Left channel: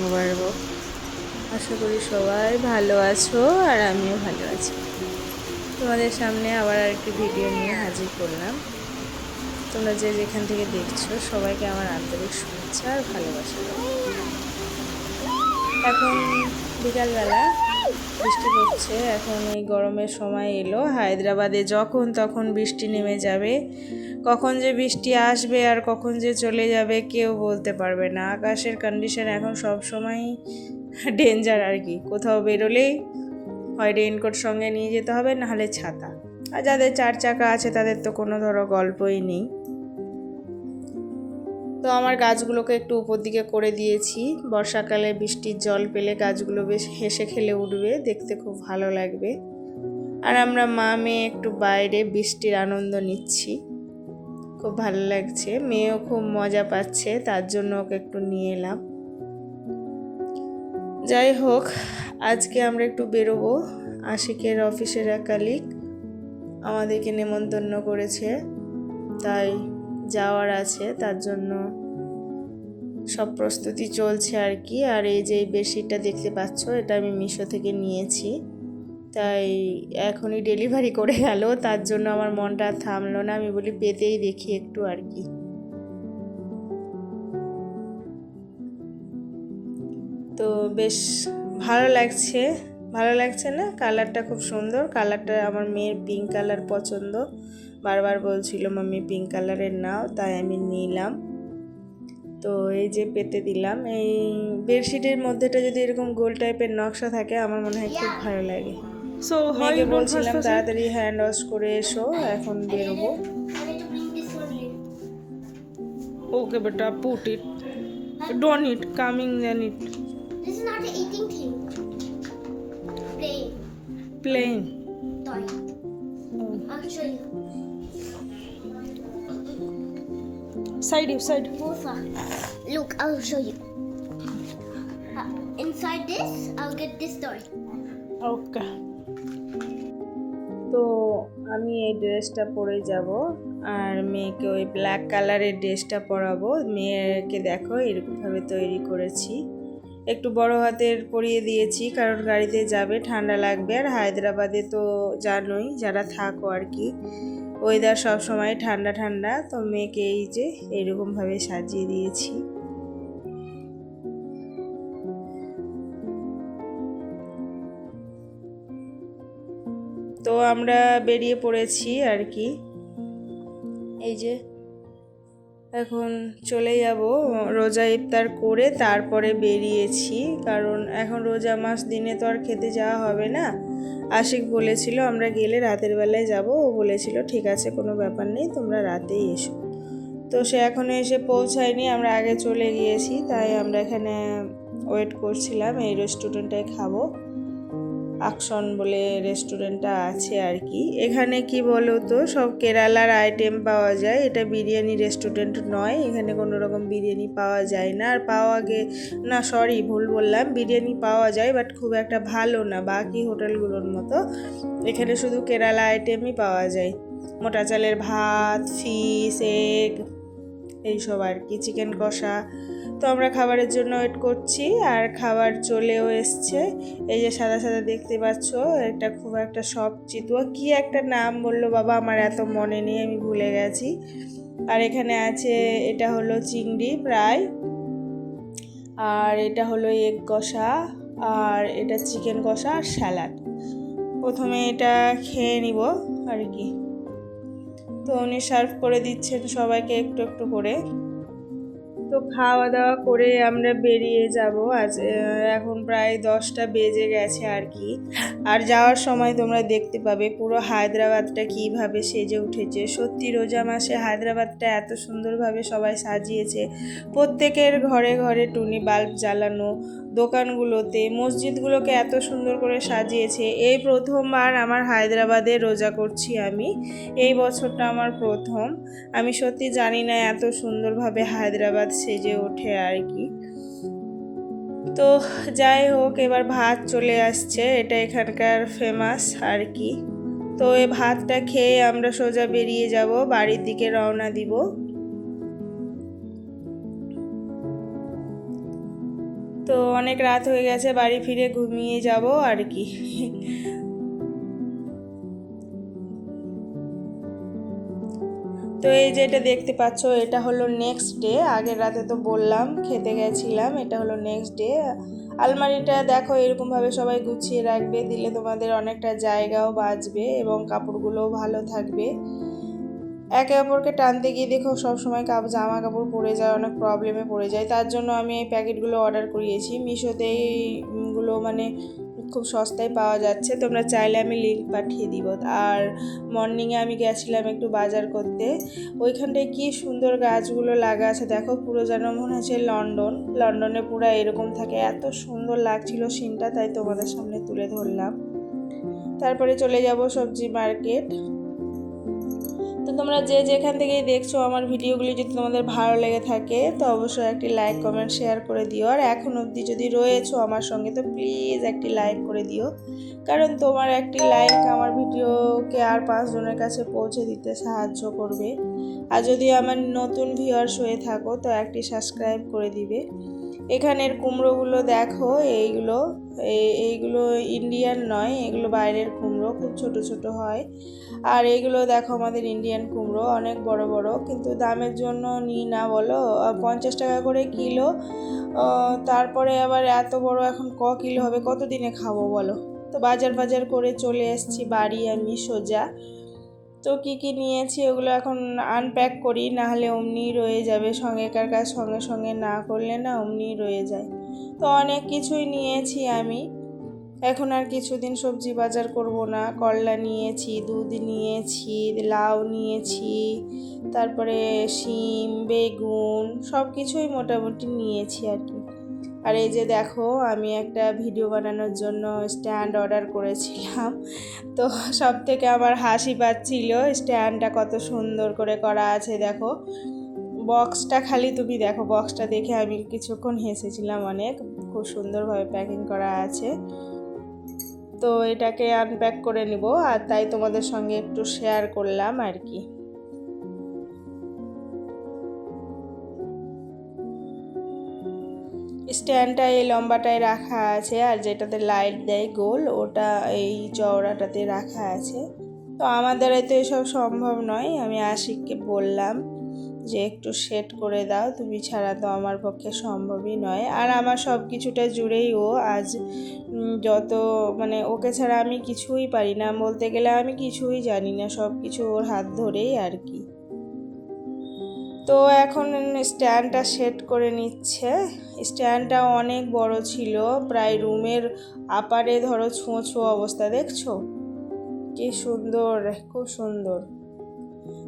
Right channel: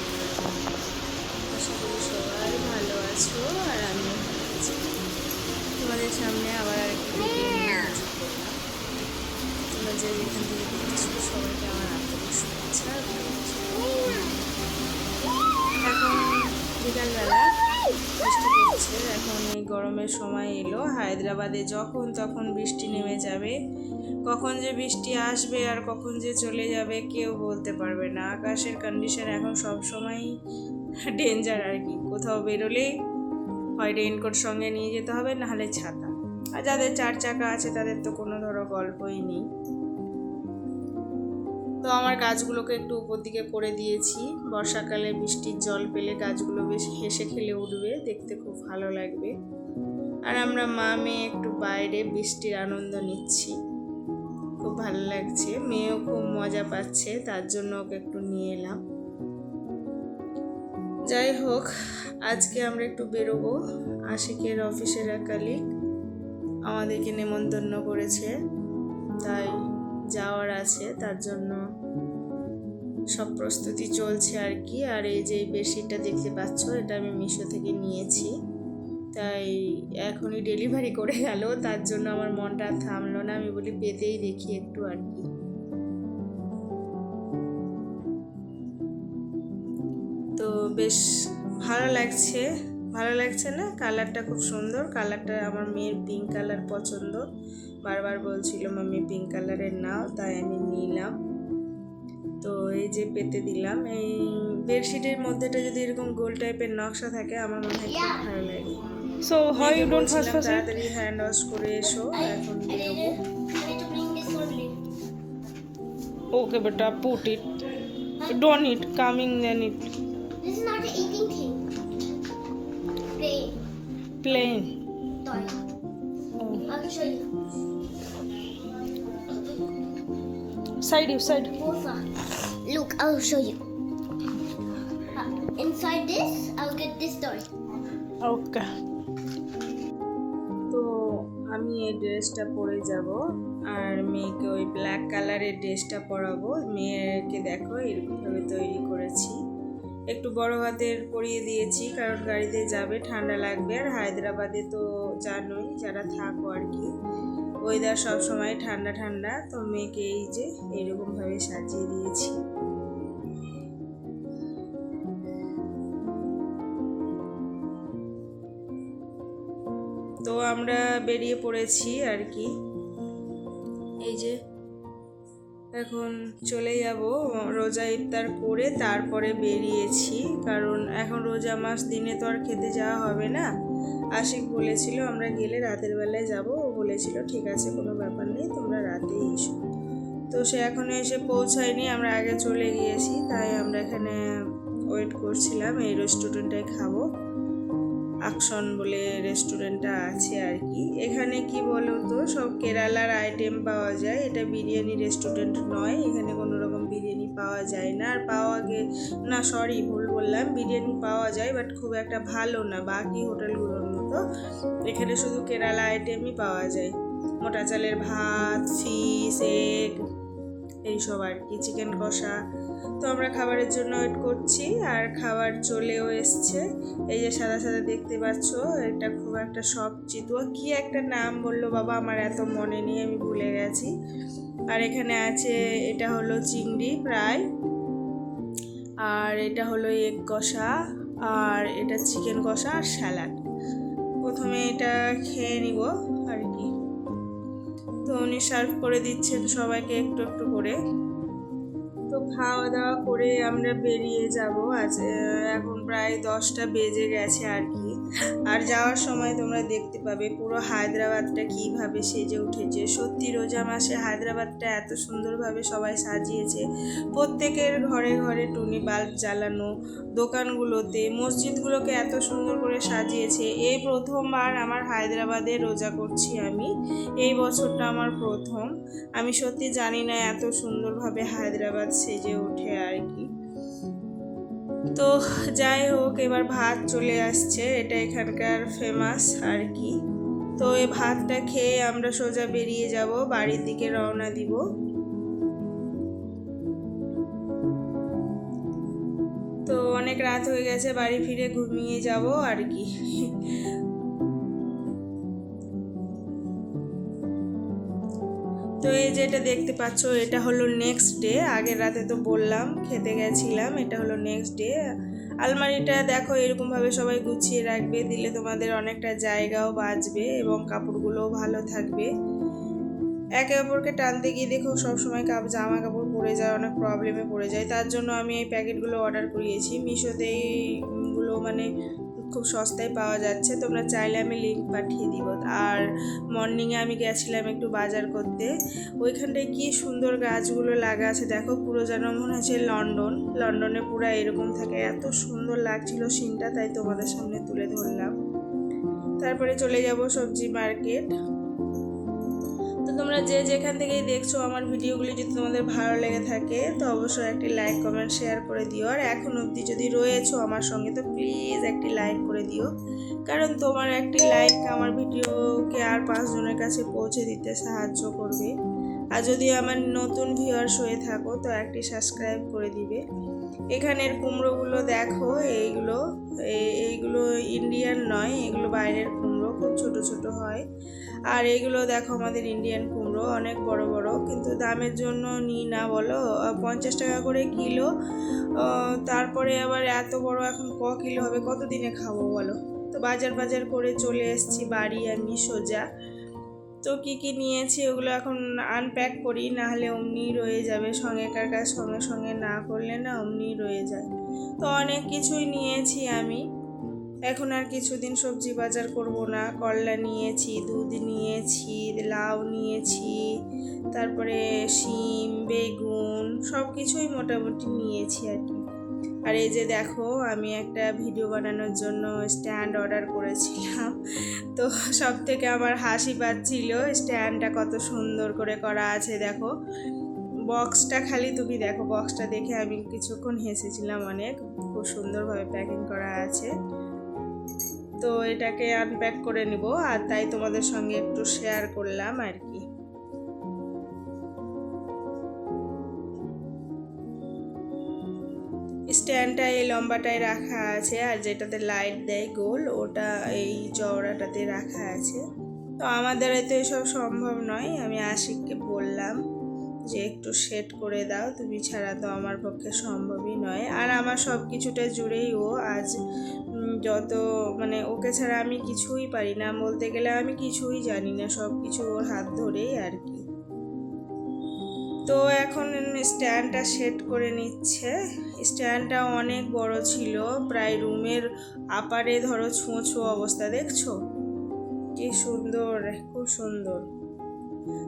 মোবারক। আশা করি সবাই ভালো আছো আর আমিও ভালো আছি। তোমাদের সামনে আবার আরেকটি ভিডিও নিয়ে হাজির করলাম। তোমরা যে যেখান থেকে দেখছো সবাইকে আমার আন্তরিক শুভেচ্ছা আর ভালোবাসা। এখন বিকালবেলা বৃষ্টি পড়ছে। এখন ওই গরমের সময় এলো, হায়দ্রাবাদে যখন তখন বৃষ্টি নেমে যাবে। কখন যে বৃষ্টি আসবে আর কখন যে চলে যাবে কেউ বলতে পারবে না। আকাশের কন্ডিশন এখন সব সময় ডেঞ্জার আর কি। কোথাও বেরোলেই হয় রেইনকোট সঙ্গে নিয়ে যেতে হবে, নাহলে ছাতা। আর যাদের 4 চাকা আছে তাদের তো কোনো গল্পই নেই। তো আমার গাছগুলোকে একটু উপর দিকে করে দিয়েছি। বর্ষাকালে বৃষ্টির জল পেলে গাছগুলো বেশ হেসে খেলে উঠবে, দেখতে খুব ভালো লাগবে। আর আমরা মা মেয়ে একটু বাইরে বৃষ্টির আনন্দ নিচ্ছি, খুব ভালো লাগছে। মেয়েও খুব মজা পাচ্ছে, তার জন্য ওকে একটু নিয়ে এলাম। যাই হোক, আজকে আমরা একটু বেরোবো। আশিকের অফিসের এক কালিগ আমাদেরকে নেমন্তন্ন করেছে, তাই যাওয়ার আছে, তার জন্য সব প্রস্তুতি চলছে আর কি। আর এই যে বেডশিটটা দেখতে পাচ্ছ, এটা আমি মিশো থেকে নিয়েছি, তাই এখনই ডেলিভারি করে গেল, তার জন্য আমার মনটা আর থামলো না। আমি বলি পেতেই দেখি একটু আর কি। তো বেশ ভালো লাগছে, ভালো লাগছে না? কালারটা খুব সুন্দর। কালারটা আমার মেয়ের পিঙ্ক কালার পছন্দ, বারবার বলছিল মাম্মি পিঙ্ক কালারের নাও, তাই আমি নিলাম। তো এই যে পেতে দিলাম। এই বেডশিটের মধ্যেটা যদি এরকম গোল টাইপের নকশা থাকে আমার মনে হয় খুব ভালো লাগে। So how you don't বলছিলাম first it? তাড়াতাড়ি হ্যান্ড ওয়াশ করে এসো, এখন বেরোবো। Okay, but put it. Don't eat. Coming then eat. This is not an eating thing. Plain Plain. toy. Oh. I'll show you. Side you side. Mofa. Look, I'll show you. Inside this, I'll get this toy. Okay. তো আমি এই ড্রেসটা পরে যাব আর মেয়েকে ওই black কালারের ড্রেসটা পরাবো। মেয়েকে দেখো এরকমভাবে তৈরি করেছি, একটু বড় হাতের পরিয়ে দিয়েছি, কারণ গাড়িতে যাবে, ঠান্ডা লাগবে। আর হায়দ্রাবাদে তো জানোই যারা থাকো আর কি, ওয়েদার সব সময় ঠান্ডা ঠান্ডা। তো মেয়েকে এই যে এইরকমভাবে সাজিয়ে দিয়েছি। তো আমরা বেরিয়ে পড়েছি আর কি। এই যে এখন চলে যাব, রোজা ইফতার করে তারপরে বেরিয়েছি, কারণ এখন রোজা মাস দিনে তো আর খেতে যাওয়া হবে না। আশিক বলেছিল আমরা গেলে রাতের বেলায় যাব, ও বলেছিল ঠিক আছে কোনো ব্যাপার নেই, তোমরা রাতেই এসো। তো সে এখনও এসে পৌঁছায়নি, আমরা আগে চলে গিয়েছি, তাই আমরা এখানে ওয়েট করছিলাম। এই রেস্টুরেন্টটায় খাবো, আকশন বলে রেস্টুরেন্টটা আছে আর কি। এখানে কি বলো তো, সব কেরালার আইটেম পাওয়া যায়। এটা বিরিয়ানি রেস্টুরেন্ট নয়, এখানে কোনো রকম বিরিয়ানি পাওয়া যায় না। আর সরি ভুল বললাম, বিরিয়ানি পাওয়া যায় বাট খুব একটা ভালো না বাকি হোটেলগুলোর মতো। এখানে শুধু কেরালা আইটেমই পাওয়া যায়, মোটা চালের ভাত, ফিশ, এগ, এইসব আর কি, চিকেন কষা। তো আমরা খাবারের জন্য ওয়েট করছি আর খাবার চলেও এসছে। এই যে সাদা সাদা দেখতে পাচ্ছ, এটা খুব একটা সব চিতুয়া, কি একটা নাম বললো বাবা, আমার এত মনে নেই, আমি ভুলে গেছি। আর এখানে আছে, এটা হলো চিংড়ি প্রায়, আর এটা হলো এগ কষা, আর এটা চিকেন কষা আর স্যালাড। প্রথমে এটা খেয়ে নিব আর কি। তো উনি সার্ভ করে দিচ্ছেন সবাইকে একটু একটু করে। তো খাওয়া দাওয়া করে আমরা বেরিয়ে যাব। আজ এখন প্রায় 10টা বেজে গেছে আর কি। আর যাওয়ার সময় তোমরা দেখতে পাবে পুরো হায়দ্রাবাদটা কীভাবে সেজে উঠেছে। সত্যি রোজা মাসে হায়দ্রাবাদটা এত সুন্দরভাবে সবাই সাজিয়েছে। প্রত্যেকের ঘরে ঘরে টুনি বাল্ব জ্বালানো, দোকানগুলোতে, মসজিদগুলোকে এত সুন্দর করে সাজিয়েছে। এই প্রথমবার আমার হায়দ্রাবাদে রোজা করছি আমি, এই বছরটা আমার প্রথম। আমি সত্যি জানি না এত সুন্দরভাবে হায়দ্রাবাদ সেজে ওঠে আর কি। তো যাই হোক, এবার ভাত চলে আসছে, এটা এখানকার ফেমাস আর কি। তো এই ভাতটা খেয়ে আমরা সোজা বেরিয়ে যাব, বাড়ির দিকে রওনা দিব। তো তো অনেক রাত হয়ে গেছে, বাড়ি ফিরে ঘুমিয়ে যাব আর কি। তো এই যে এটা দেখতে পাচ্ছ, এটা হলো নেক্সট ডে। আগের রাতে তো বললাম খেতে গেছিলাম, এটা হলো নেক্সট ডে। আলমারিটা দেখো এরকমভাবে সবাই গুছিয়ে রাখবে, দিলে তোমাদের অনেকটা জায়গাও বাঁচবে এবং কাপড়গুলোও ভালো থাকবে। একে অপরকে টানতে গিয়ে দেখো সবসময় জামা কাপড় পরে যায়, অনেক প্রবলেমে পড়ে যায়। তার জন্য আমি এই প্যাকেটগুলো অর্ডার করিয়েছি মিশোতে। এইগুলো মানে খুব সস্তায় পাওয়া যাচ্ছে, তোমরা চাইলে আমি লিঙ্ক পাঠিয়ে দিব। আর মর্নিংয়ে আমি গেছিলাম একটু বাজার করতে, ওইখানটায় কি সুন্দর গাছগুলো লাগা আছে দেখো, পুরো যেন মনে হচ্ছে লন্ডনে পুরো এরকম থাকে। এত সুন্দর লাগছিল সিনটা, তাই তোমাদের সামনে তুলে ধরলাম। তারপরে চলে যাব সবজি মার্কেট। তো তোমরা যে যেখান থেকেই দেখছো আমার ভিডিওগুলি যদি তোমাদের ভালো লেগে থাকে তো অবশ্যই একটি লাইক কমেন্ট শেয়ার করে দিও। আর এখন অবধি যদি রয়েছো আমার সঙ্গে তো প্লিজ একটি লাইক করে দিও, কারণ তোমার একটি লাইক আমার ভিডিওকে আর 5 জনের কাছে পৌঁছে দিতে সাহায্য করবে। আর যদি আমার নতুন ভিউয়ার্স হয়ে থাকো তো একটি সাবস্ক্রাইব করে দিবে। এখানের কুমড়োগুলো দেখো, এইগুলো ইন্ডিয়ান নয়, এগুলো বাইরের কুমড়ো, খুব ছোট ছোট হয়। আর এগুলো দেখো আমাদের ইন্ডিয়ান কুমড়ো, অনেক বড় বড়, কিন্তু দামের জন্য নিই না বলো, 50 টাকা করে কিলো। তারপরে আবার এত বড় এখন কিলো হবে, কত দিনে খাবো বলো। তো বাজার করে চলে এসেছি বাড়ি আমি সোজা। তো কি নিয়েছি ওগুলো এখন আনপ্যাক করি, না হলে অমনি রয়ে যাবে, সঙ্গেকার কাজ সঙ্গে সঙ্গে না করলে না অমনি রয়ে যায়। তো অনেক কিছুই নিয়েছি আমি, এখন আর কিছুদিন সবজি বাজার করব না। করলা নিয়েছি, দুধ নিয়েছি, লাউ নিয়েছি, তারপরে শিম, বেগুন, সব কিছুই মোটামুটি নিয়েছি আর কি। আর এই যে দেখো আমি একটা ভিডিও বানানোর জন্য স্ট্যান্ড অর্ডার করেছিলাম, তো সব থেকে আমার হাসি পাচ্ছিল স্ট্যান্ডটা কত সুন্দর করে করা আছে। দেখো বক্সটা, খালি তুমি দেখো বক্সটা দেখে আমি কিছুক্ষণ হেসেছিলাম অনেক, খুব সুন্দরভাবে প্যাকিং করা আছে। তো এটাকে আনপ্যাক করে নিব, আর তাই তোমাদের সঙ্গে একটু শেয়ার করলাম আর কি। স্ট্যান্ডটা এই লম্বাটায় রাখা আছে, আর যেটাতে লাইট দেয় গোল ওটা এই চওড়াটাতে রাখা আছে। তো আমাদের তো এসব সম্ভব নয়, আমি আশিককে বললাম যে একটু সেট করে দাও, তুমি ছাড়া তো আমার পক্ষে সম্ভবই নয়। আর আমার সব কিছুটা জুড়েই ও, আজ যত মানে ওকে ছাড়া আমি কিছুই পারি না, বলতে গেলে আমি কিছুই জানি না, সব কিছু ওর হাত ধরেই আর কি। তো এখন স্ট্যান্ডটা সেট করে নিচ্ছে। স্ট্যান্ডটা অনেক বড় ছিল, প্রায় রুমের আপারে ধরো ছোঁয়া অবস্থা, দেখছো কি সুন্দর, খুব সুন্দর।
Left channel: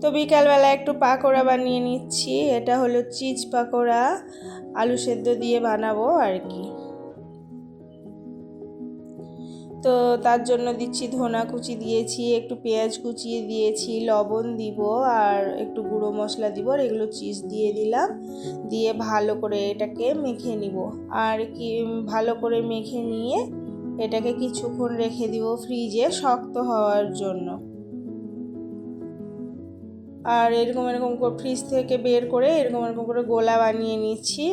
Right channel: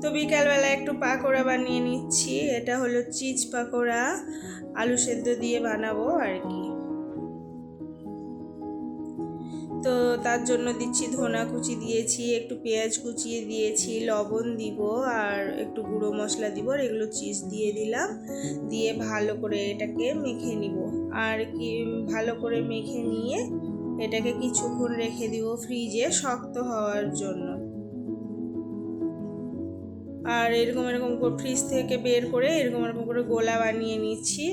তো বিকালবেলা একটু পাকোড়া বানিয়ে নিচ্ছি, এটা হলো চিজ পাকোড়া, আলু সেদ্ধ দিয়ে বানাবো আর কি। তো তার জন্য দিচ্ছি ধনা কুচি দিয়েছি, একটু পেঁয়াজ কুচিয়ে দিয়েছি, লবণ দিব আর একটু গুঁড়ো মশলা দিব, আর এগুলো চিজ দিয়ে দিলাম, দিয়ে ভালো করে এটাকে মেখে নিব। আর কি ভালো করে মেখে নিয়ে এটাকে কিছুক্ষণ রেখে দিব ফ্রিজে শক্ত হওয়ার জন্য। আর এরকম করে ফ্রিজ থেকে বের করে এরকম করে গোলা বানিয়ে নিচ্ছি।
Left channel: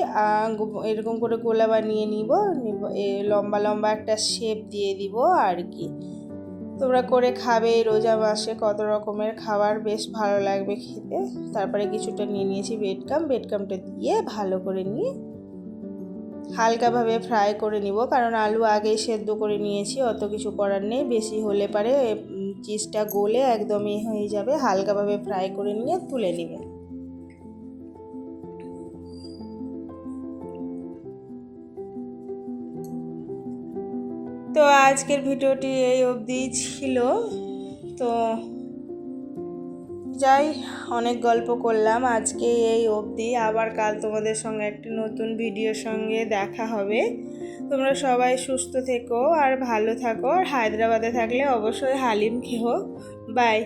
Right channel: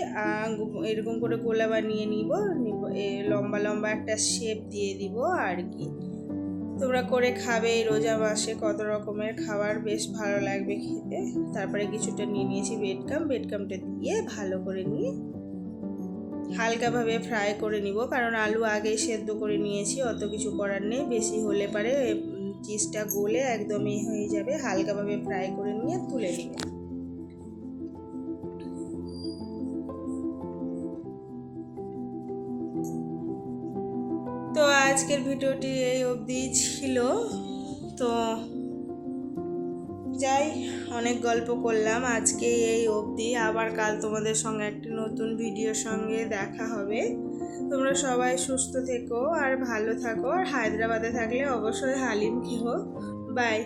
এরকম করে গোলা বানিয়ে নিব, লম্বা লম্বা একটা শেপ দিয়ে দিব আর কি। তোমরা করে খাবে, রোজা মাসে কত রকমের খাবার, বেশ ভালো লাগবে খেতে। তারপরে কিছুটা নিয়ে নিয়েছি বেডকামটা দিয়ে ভালো করে নিয়ে হালকাভাবে ফ্রাই করে নিব, কারণ আলু আগেই সেদ্ধ করে নিয়েছি, অত কিছু করার নেই। বেশি হলে পারে চিজটা গলে একদমই হয়ে যাবে, হালকাভাবে ফ্রাই করে নিয়ে তুলে নেবে। তো আজকের ভিডিওটি এই অবধি ছিল। তো যাই, অনেক গল্প করলাম আজকে এই অবধি, আবার কাল তোমাদের সঙ্গে একটি নতুন ভিডিওর সঙ্গে দেখা হবে। তোমরা সবাই সুস্থ থেকো আর ভালো থাকো, আর হায়দ্রাবাদে থাকলে অবশ্যই হালিম খেও। বাই।